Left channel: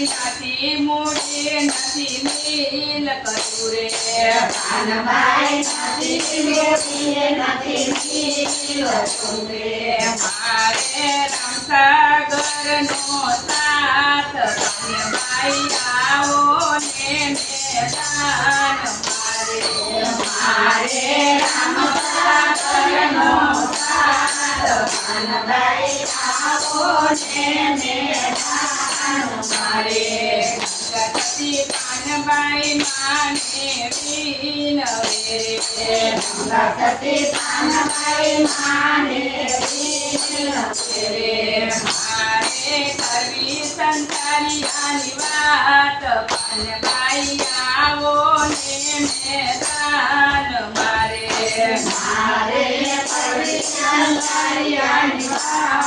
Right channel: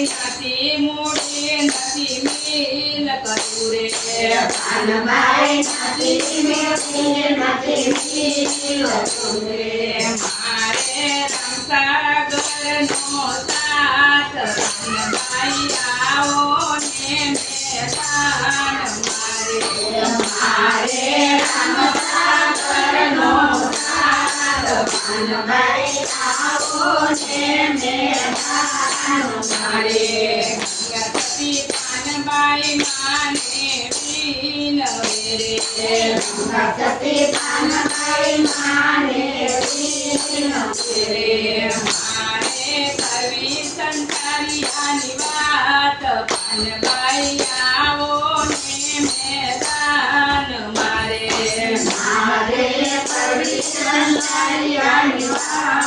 નથી મૂડી નથી મિલ કર્યું રે પાનબાઈ નથી મૂડી નથી મિલ કર્યું રે મારે રામસાગરનો સાથ પાનબાઈ આવો ને મેદાન મારે રામસાગરનો સાથ પાનબાઈ આવો ને મેદાન મારે ગંગાસતી પાનબાઈ માને વિનવે રે ગંગાસતી પાનબાઈ માને વિનવે રે મારે કરવી સંતાનિયાની વાત પાનબાઈ આવો ને મેદાન મારે મારે કરવી સંતાનિયાની વાત